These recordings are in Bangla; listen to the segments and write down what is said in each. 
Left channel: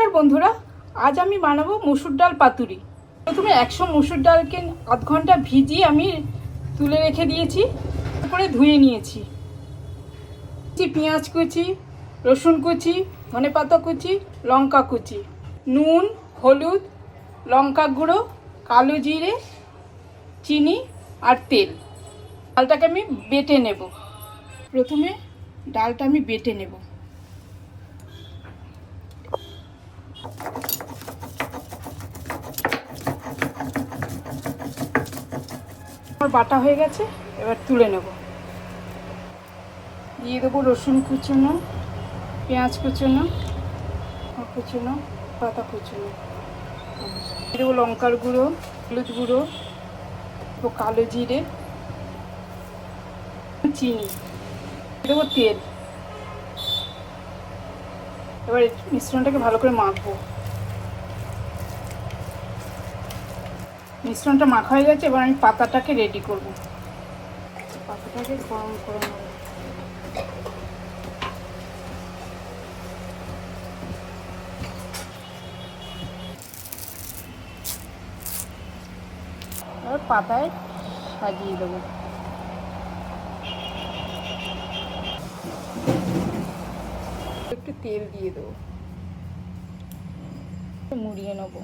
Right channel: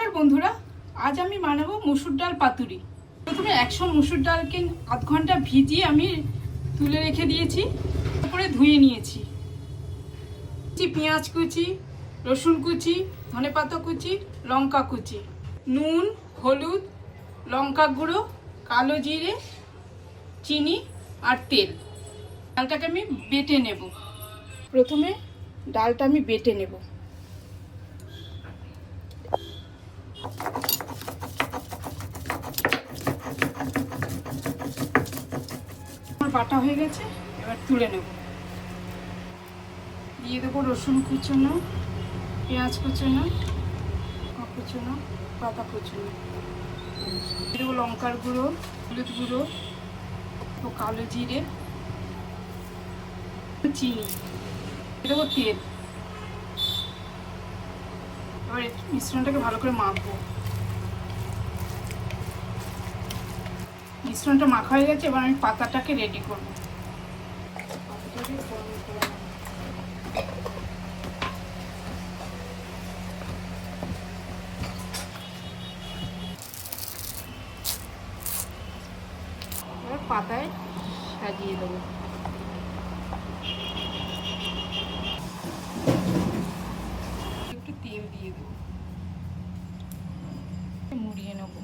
নমস্কার বন্ধুরা, আজ আমি বানাবো মুসুর ডাল পাতুরি। প্রথমে 100 মুসুর ডালকে আধ ঘন্টা ভিজিয়ে আমি তুলে রেখে দিয়েছি, তারপরে ধুয়ে নিয়েছি। পেঁয়াজ কুচি, রসুন কুচি, ধনেপাতা কুচি, লঙ্কা কুচি, নুন, হলুদ, লঙ্কা গুঁড়ো, কালো জিরে, চিনি আর তেল। ডালটাকে আমি বেটে নেব। প্রথমে ডালটা আমি বেটে নেব। আমার বাটা হয়ে গেছে, এবার তুলে নেব। দিয়ে দেবো রসুন কুচুনো, পেঁয়াজ কুচুনো, পাতা কুচুনো, দিয়ে দেবো লঙ্কার গুঁড়ো, হলুদ গুঁড়ো, কালো জিরে, চিনি, দেবো তেল। এবার মিশ্রণটাকে ভালো করে মাখবো। মিশ্রণটা মাখা হয়ে গেছে, এবার আমি পাতাটাকে রেডি করব। পাতাটাকে গরম করে নেব। আর পাতায় সাজিয়ে দেবো। একটু তেল দিয়ে দেবো, মুড়িয়ে নেব।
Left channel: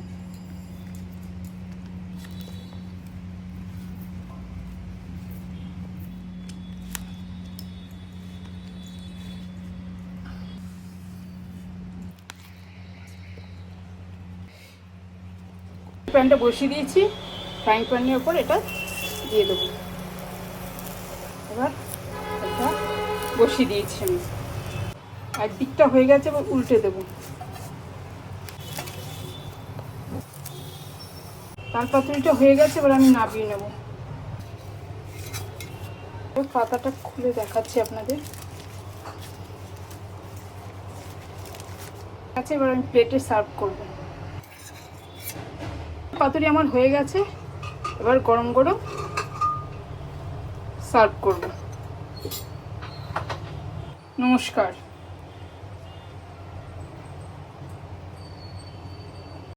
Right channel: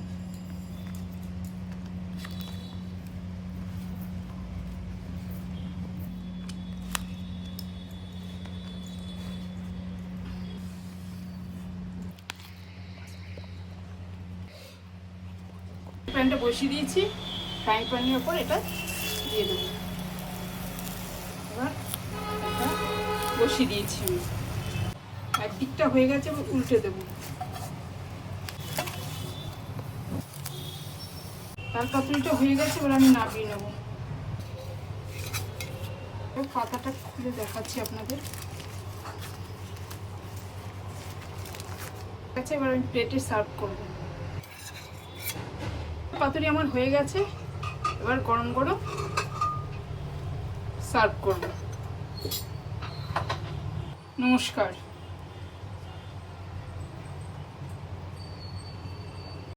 প্যানটা বসিয়ে দিয়েছি, ফ্রাইং প্যানের উপর এটা দিয়ে দেবো। এবার এটা বসিয়ে দিয়েছি আমি, আর দিকটা হয়ে গেছে, এবার উল্টে দেবো। আর পাতুরিটা হয়ে গেছে, এবার আমি নামিয়ে নেব। পাতাটা খুলে দেখাচ্ছি আপনাদের। আচ্ছা, এবার আমি প্লেটে সার্ভ করব। পাতুরি আমার হয়ে গেছে, এবার গরম গরম সার্ভ করব। নমস্কার।